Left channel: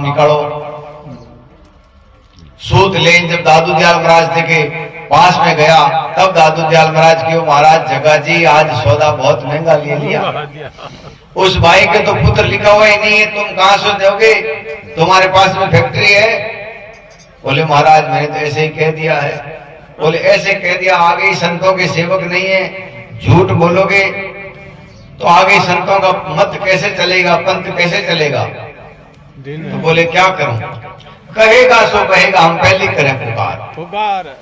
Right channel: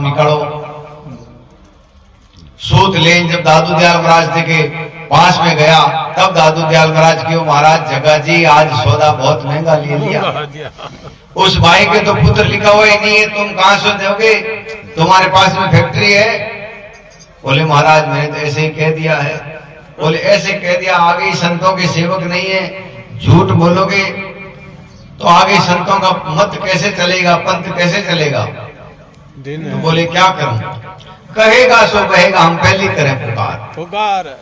निकालो। सूत लेन जब दादू दयाल महाराज जी के पास में गया तब दादू दयाल महाराज की महाराज जगा जी आज सौदा बहुत महंगा ले लिया। उस भाई के तो पुत्र लिखा हुआ ही नहीं है, तुम कहां से दोगे? तुम्हारे पास में फैक्ट्री है? बोले महाराज मैंने तो ऐसे ही कह दिया है। बोले ऐसे कह दिया, आगे ही संतों के सेवक नहीं है, झूठ बोलोगे तो आगे संतों का मत कैसे चलेगा, पंथ कैसे चलेगा? तो बोले क्या करूं? कहेगा सो कहेगा, हम पहले करें पुकार।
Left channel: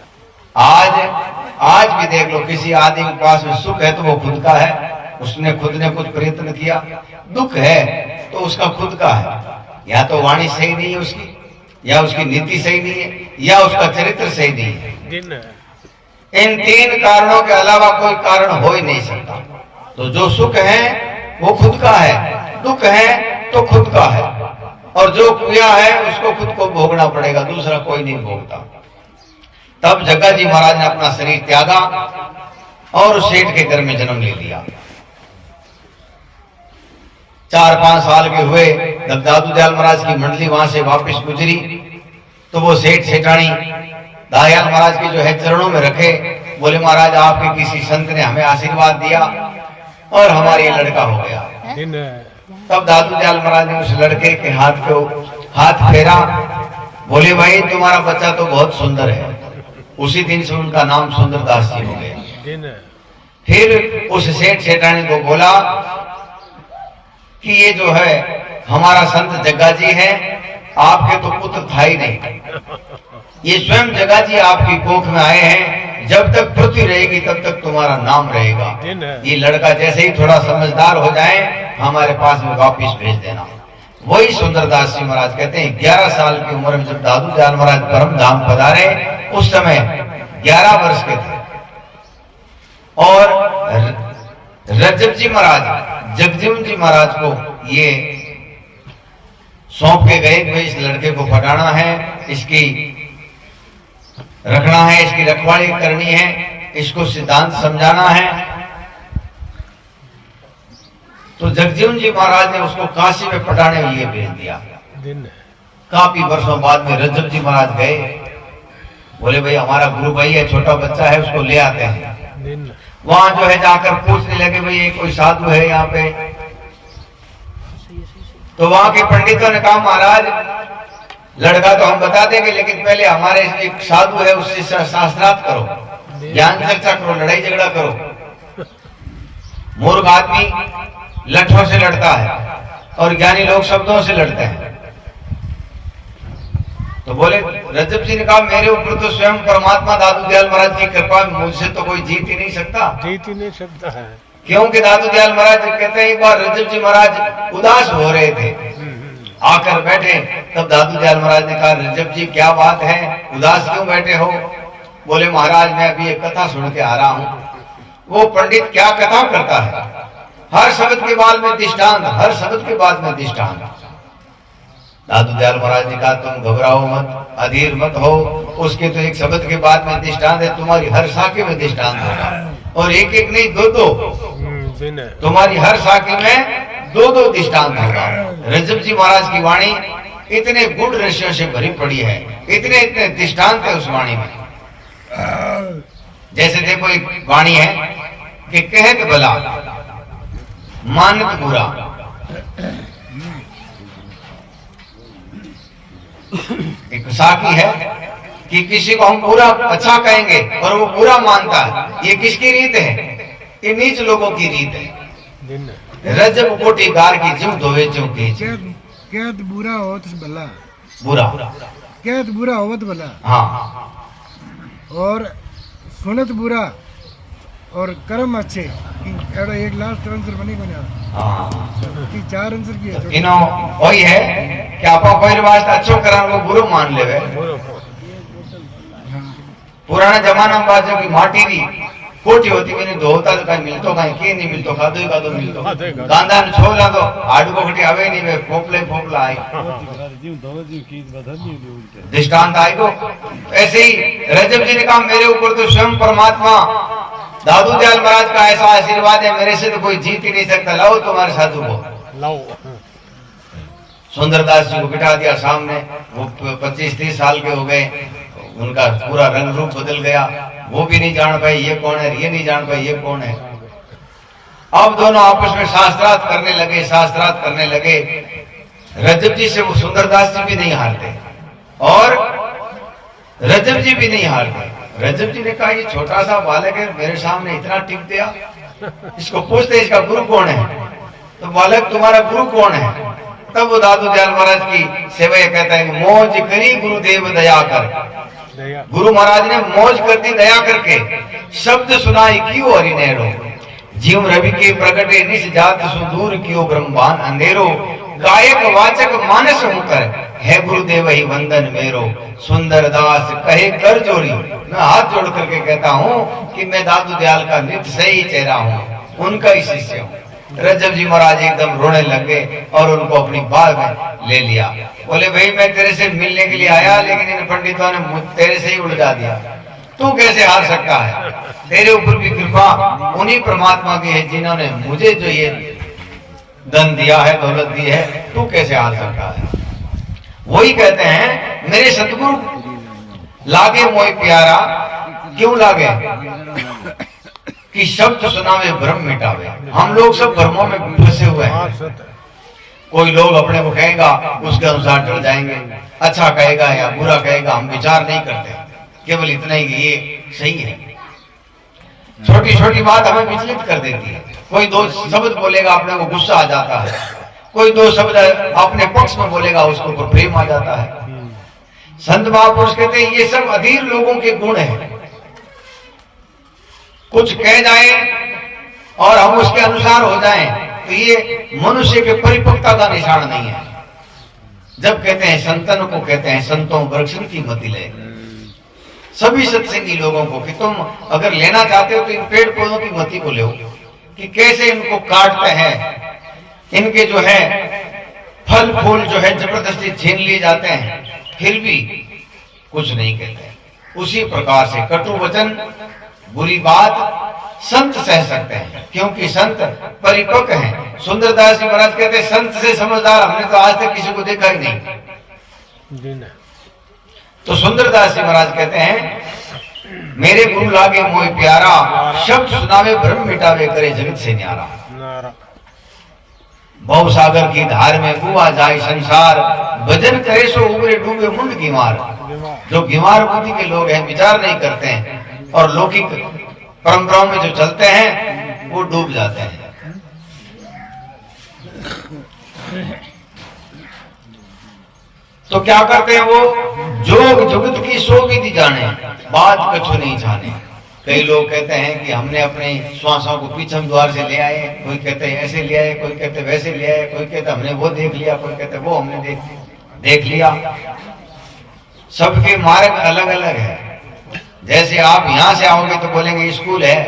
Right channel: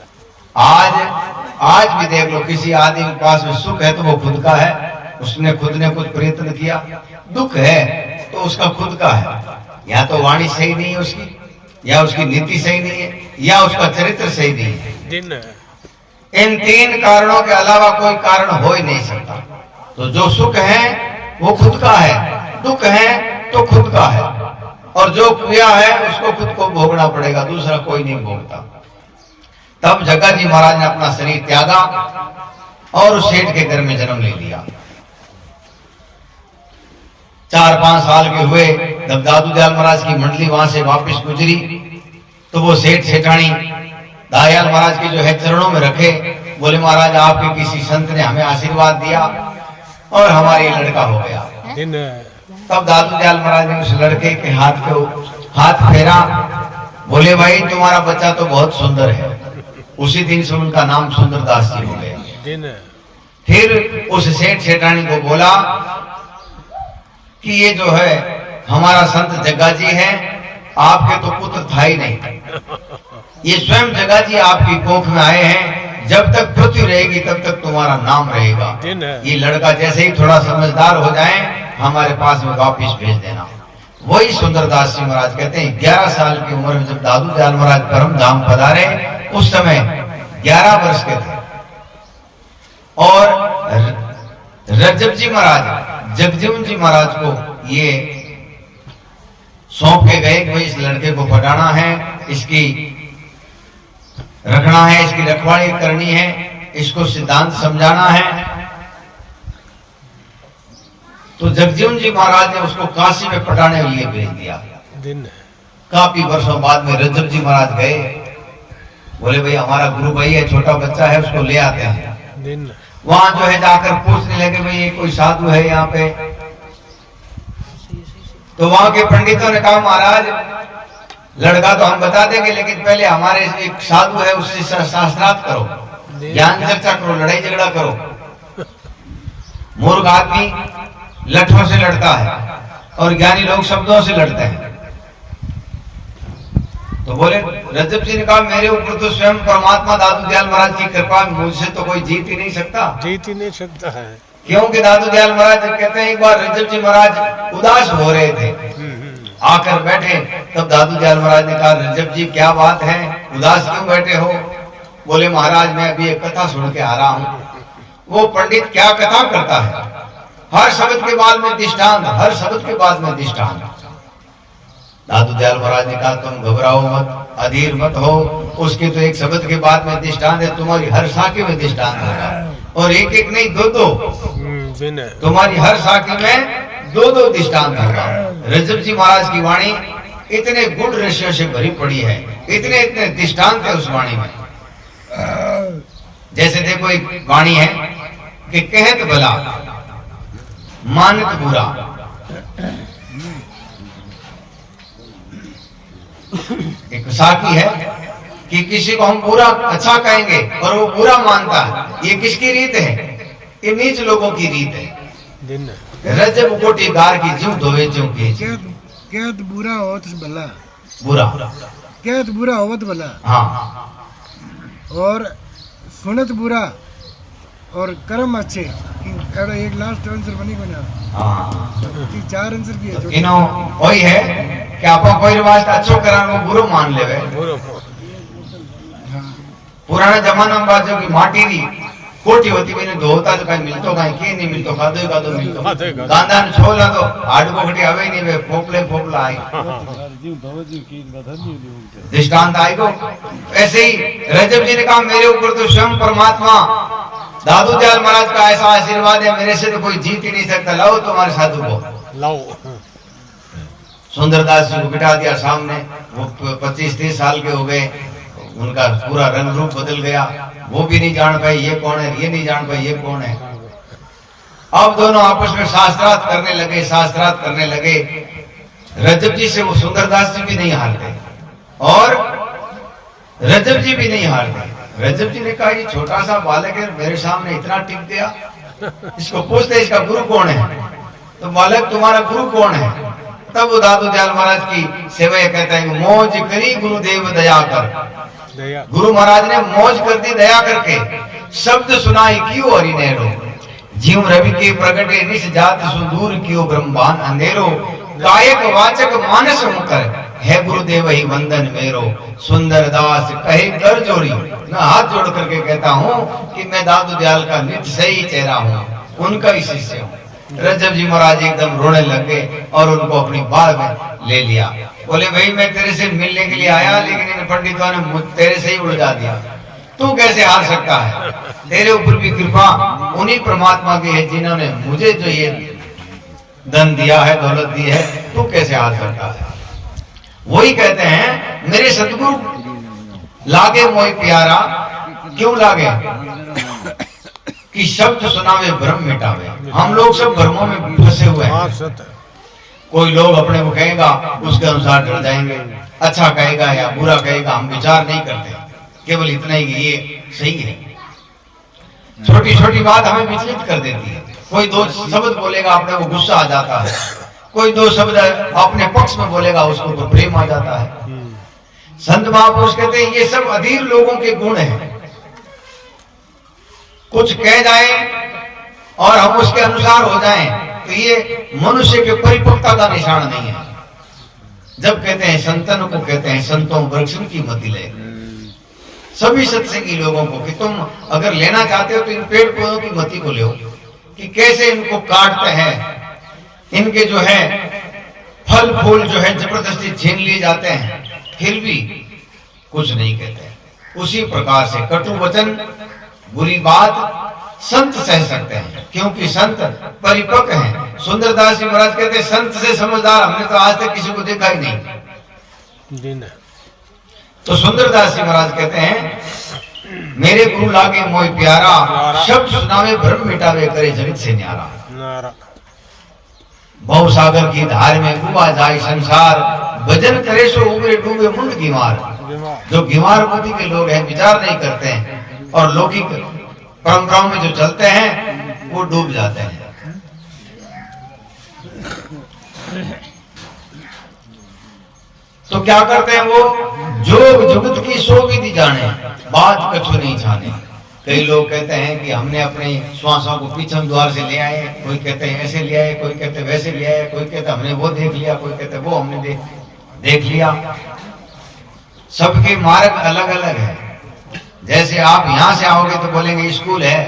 आज भी देख लो, किसी आदमी के पास में सुख है तो वो खुद का है, उसने खुद ने कुछ प्रयत्न किया। दुख है तो उसका खुद का है, या तो वाणी सही नहीं है उसकी, या उसकी नीति सही नहीं है, या उसका चरित्र सही नहीं है। इन तीन कारणों के अलावा कोई कारण हो ही नहीं सकता। तो जो सुख है वो खुद का है, दुख है तो खुद का है, और जो किया है उसको खुद को भोगना पड़ेगा, दूसरा कोई नहीं भोगता। तब जग्गा जी महाराज ने अपना शरीर त्यागा और उस सेठ के घर में जन्म ले लिया। 4-5 साल के हुए जब दादू दयाल महाराज की मंडली वहां से वापस गुजरी तो वो सेठ सेठानी दयाल महाराज के जो है चरणों में रखे। बोले महाराज आपके किसी संत ने हमें आशीर्वाद दिया और हमारे लड़का हो गया। तब दादू दयाल महाराज ने उस लड़के के हाथ फेरा। बोले भाई तुम्हारा बच्चा तो बहुत सुंदर है। उसी दिन से उनका नाम सुंदरदास जी हो गया। फिर उस सेठ सेठानी को बोला कि ये जो है हमारा संत जग्गा जी है, आपके तो पुत्र था ही नहीं, ये स्वयं जग्गा जी आपकी कोख में आए हैं, जब तक पृथ्वी रहेगी तब तक तुम्हारा नाम रहेगा। ये लड़का जैसे ही थोड़ा समझदार हो जाए हमारे पास में वापिस भेज देना। वही सुंदरदास जी महाराज कहते हैं 11 साल की उम्र में जब दादू दयाल महाराज परम धाम पधारे उस समय 11 वर्ष के थे, और रजब जी महाराज जगजीवन जी महाराज को ये सौंप के गए कि इस लड़के को पढ़ाना है, इसकी रखना है, इसकी रखवाली करनी है, इसको सिद्धांत समझाना है। तो जगजीवन जी महाराज ने उसको काशी में पढ़ाने के लिए भेज दिया। काफी वर्षों बाद में रजब जी महाराज गए। बोले भाई हमारा गुरु भाई है, छोटा बच्चा है, उसको ले आते हैं। वहां जो है जाकर पूछने लगे भाई ये कोई साधु है यहाँ पे? तो वहां के पंडितों ने कहा महाराज लड़का तो हम बता देंगे, लेकिन पहले हमारे एक साधु है उससे शास्त्रार्थ करो, ज्ञान चर्चा करो, लड़ाई झगड़ा करो। मूर्ख आदमी लठों से लड़ता है और ज्ञानी लोग शब्दों से लड़ते हैं। तो बोले रजब जी ने कहा मेरे ऊपर तो स्वयं परमात्मा दादू दयाल महाराज की कृपा, मुझसे तो कोई जीत ही नहीं सकता है। क्योंकि दादू दयाल महाराज कहते हैं एक बार रजब जी महाराज उदास हो रहे थे, आकर बैठे। तब दादू दयाल महाराज ने कहा रजब जी क्या बात है, उदास क्यों बैठे हो? बोले महाराज मैं अभी एक कथा सुन के आ रहा हूँ। वो पंडित क्या कथा करता है, हर शब्द के बाद में दृष्टांत, हर शब्द के बाद में दृष्टांत। दादू दयाल महाराज ने कहा तुम घबराओ मत, अधीर मत हो, उसके तो एक शब्द के बाद में दृष्टांत है, तुम्हारी हर साखी में दृष्टांत होगा, और एक एक नहीं दो, तुम्हारी हर साखी में 2 दृष्टांत होगा। रजब जी महाराज की वाणी इतने गुण रहस्यों से भरी पड़ी है, इतने दृष्टांत है उस वाणी में। जैसे देखो एक वाणी है कि कहत भला मानत बुरा। एक साखी है कि किसी को हम बुरा अच्छा कहेंगे और वो बुरा मानता है, ये किसकी रीत है? ये नीच लोगों की रीत है। रजब कोटि गार की जो धोवे जो कहत बुरा होत भला, बुरा कहत बुरा होत भला, हाँ, और सुनत बुरा और कर्म अच्छे। एडो एक लास्ट आंसर बनी को ना, हाँ, कि 4 आंसर की है। इनो वही है कि आपको कोई रिवाज अच्छो करा वो बुरो मान लेवे। हाँ। पुराने जमाना में बात जो की माटी दी कोटी होती मैंने धोता तो कहीं मिलतो कहीं के नहीं मिलतो, खादो का तो मिलतो, गांधा ने छोला तो हाडू को खटी आवे नहीं, वे फोपला आई दृष्टांत आई को। ऐसे ही रजब जी ने कहा मेरे ऊपर तो स्वयं परमात्मा दादू दयाल महाराज का ऐसा आशीर्वाद है, मेरे से तो कोई जीत ही नहीं सकता, लाओ तुम्हारे साधु को। सुंदरदास जी को बिठा दिया सामने। वो 25-30 साल के हो गए, उनका पूरा रंग रूप बदल गया। वो भी नहीं जान पाए ये कौन है, ये नहीं जान पाए ये कौन है। अब दोनों आपस में शास्त्रार्थ करने लगे। रजब जी से वो सुंदरदास जी भी नहीं हारते और रजब जी भी नहीं हारते। रजब जी ने कहा ये छोटा सा बालक है, मेरे सामने इतना टिक दिया, इसको पूछते इसका गुरु कौन है। तो बालक तुम्हारा गुरु कौन है। तब वो दादू दयाल महाराज की सेवा कहता है, मौज करी गुरुदेव दया कर। गुरु महाराज ने मौज कर दी दया करके। शब्द सुनाई क्यों हरि नेरो, जीव रवि के प्रगटे निस जात सुदूर क्यों ब्रह्मांड अंधेरो। गायक वाचक मानस मुकर, है गुरुदेव ही वंदन मेरो। सुंदर दास कहे कर जोड़ी, मैं हाथ जोड़ करके कहता हूँ कि मैं दादू दयाल का नित्य सही चेहरा हूँ, उनका ही शिष्य हूँ। रजब जी महाराज एकदम रोने लगे और उनको अपनी बात में ले लिया। बोले भाई मैं तेरे से मिलने के लिए आया, लेकिन इन पंडितों ने तेरे से ही उलझा दिया। तू कैसे हार सकता है, तेरे ऊपर भी कृपा उन्हीं परमात्मा की है जिन्होंने मुझे जो ये धन दिया है, दौलत दी है, तू कैसे हार सकता है। वही कहते हैं मेरे सतगुरु लागे मोय प्यारा, क्यों लागे कि शब्द सुनावे भ्रम मिटावे। हम लोग सब भ्रमों में फंसे हुए हैं। कोई लोग अपने को कहेगा उसके अनुसार चल जाएंगे, अच्छा कहेगा या बुरा कहेगा हम विचार नहीं करते, केवल इतना ही कि ये सही है। छोटी छोटी बात हमें विचलित कर देती है। कोई दो शब्द बोलेगा अपने को गुस्सा आ जाता है, कोई दो शब्द अपने पक्ष में बोलेगा उसको ऊपर प्रेम आ जाता है। संत महापुरुष कहते हैं ये सब अधीर लोगों के गुण हैं। कुछ कह जाए और हम उसके अनुसार हो जाएं तो ये मनुष्य के परिपक्वता का निशान नहीं है। जब कहते हैं संतन को कहते हैं संतों वृक्षण की मति ले, सभी सत्संगी लोगों को कि तुम अगर लेना चाहते हो तो इन पेड़ पौधों की मति को लो कि कैसे इनको काटते हैं, इनके जो है फल फूल जो है जबरदस्ती छीन लिए जाते हैं, फिर भी कुछ नहीं कहते। उसी प्रकार से कटु वचन बुरी बात संत सह सकते हैं क्योंकि संत परिपक्व हैं। सुंदरदास जी महाराज कहते हैं संत से समझदार हमने तो आज तक किसी को देखा ही नहीं। तो सुंदरदास जी महाराज कहते हैं मेरे गुरु लागे मोय प्यारा, शब्द सुनावे भ्रम मिटावे करे जगत से न्यारा। बहु सागर की धार में डूबा जाए संसार, भजन करे सो उबरे डूबे मुंड गिमार। जो गिमार बुद्धि के लोग हैं, विचार नहीं करते हैं और लौकिक परंपराओं में जो चलते हैं वो डूब जाते हैं। तो क्या करते हैं वो, जोग जुगत की सो विधि जाने, बात कछु नहीं जाने। कई लोग कहते हैं कि हमने अपने श्वासों को पीछम द्वार से ले आए, कोई कहते हैं ऐसे ले आए, कोई कहते वैसे ले आए, कोई कहते हमने वो देख लिया, कोई कहते वो हमने देख लिया। सबके मार्ग अलग अलग है। जैसे आप यहाँ से आओगे तो बोलेंगे स्कूल है,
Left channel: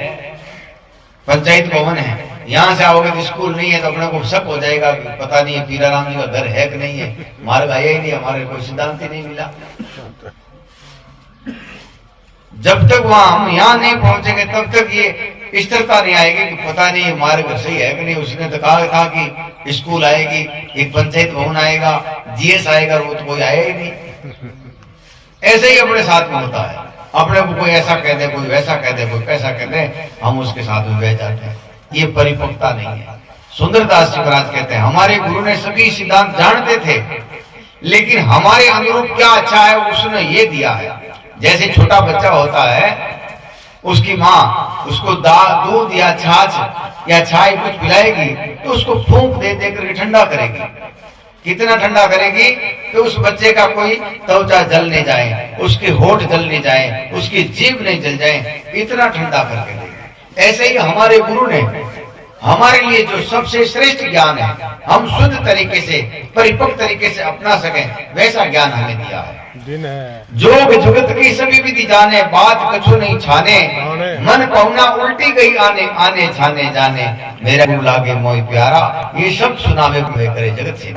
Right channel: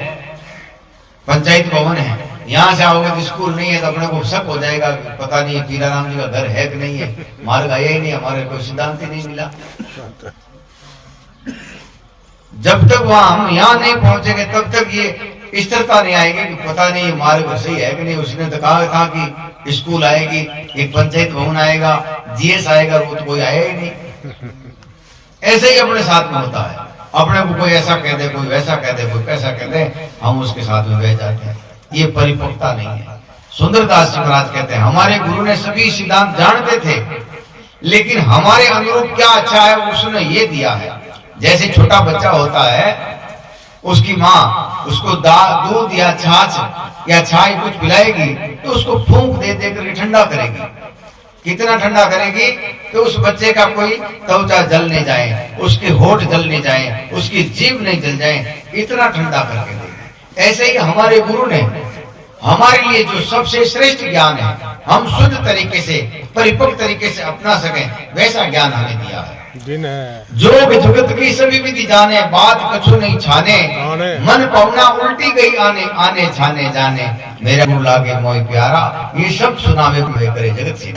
पंचायत भवन है, यहाँ से आओगे तो स्कूल नहीं है तो अपने को शक हो जाएगा कि पता नहीं पीराराम जी का घर है कि नहीं है, मार्ग आया ही नहीं, हमारे कोई सिद्धांत ही नहीं मिला। जब तक वहां हम यहाँ नहीं पहुंचेंगे तब तक ये स्थिरता नहीं आएगी कि पता नहीं मार्ग सही है कि नहीं। उसने तो कहा था कि स्कूल आएगी, एक पंचायत भवन आएगा, जीएस आएगा, वो तो कोई आया ही नहीं। ऐसे ही अपने साथ में होता है, अपने को कोई ऐसा कह दे, कोई वैसा कह दे, कोई कैसा कह दे, हम उसके साथ में बह जाते हैं। ये परिपक्वता नहीं है। सुंदरदास जी महाराज कहते हैं हमारे गुरु ने सभी सिद्धांत जानते थे, लेकिन हमारे अनुरूप क्या अच्छा है उसने ये दिया है। जैसे छोटा बच्चा होता है, उसकी माँ उसको दूध या छाछ या छाई कुछ पिलाएगी तो उसको फूंक दे देकर ठंडा करेगी। कितना ठंडा करेगी कि उस बच्चे का कोई त्वचा जल नहीं जाए, उसके होठ जल नहीं जाए, उसकी जीभ नहीं जल जाए, इतना ठंडा करके देगी। ऐसे ही हमारे गुरु ने हमारे लिए जो सबसे श्रेष्ठ ज्ञान है, हम शुद्ध तरीके से परिपक्व तरीके से अपना सकें, वैसा ज्ञान हमें दिया है। जोग जुगत की सभी विधि जाने, बात कछु नहीं छाने, मन पौना उल्टी गई आने आने छाने जाने, मेरा गुरु लागे मोय प्यारा, ये शब्द सुनावे करे जगत से।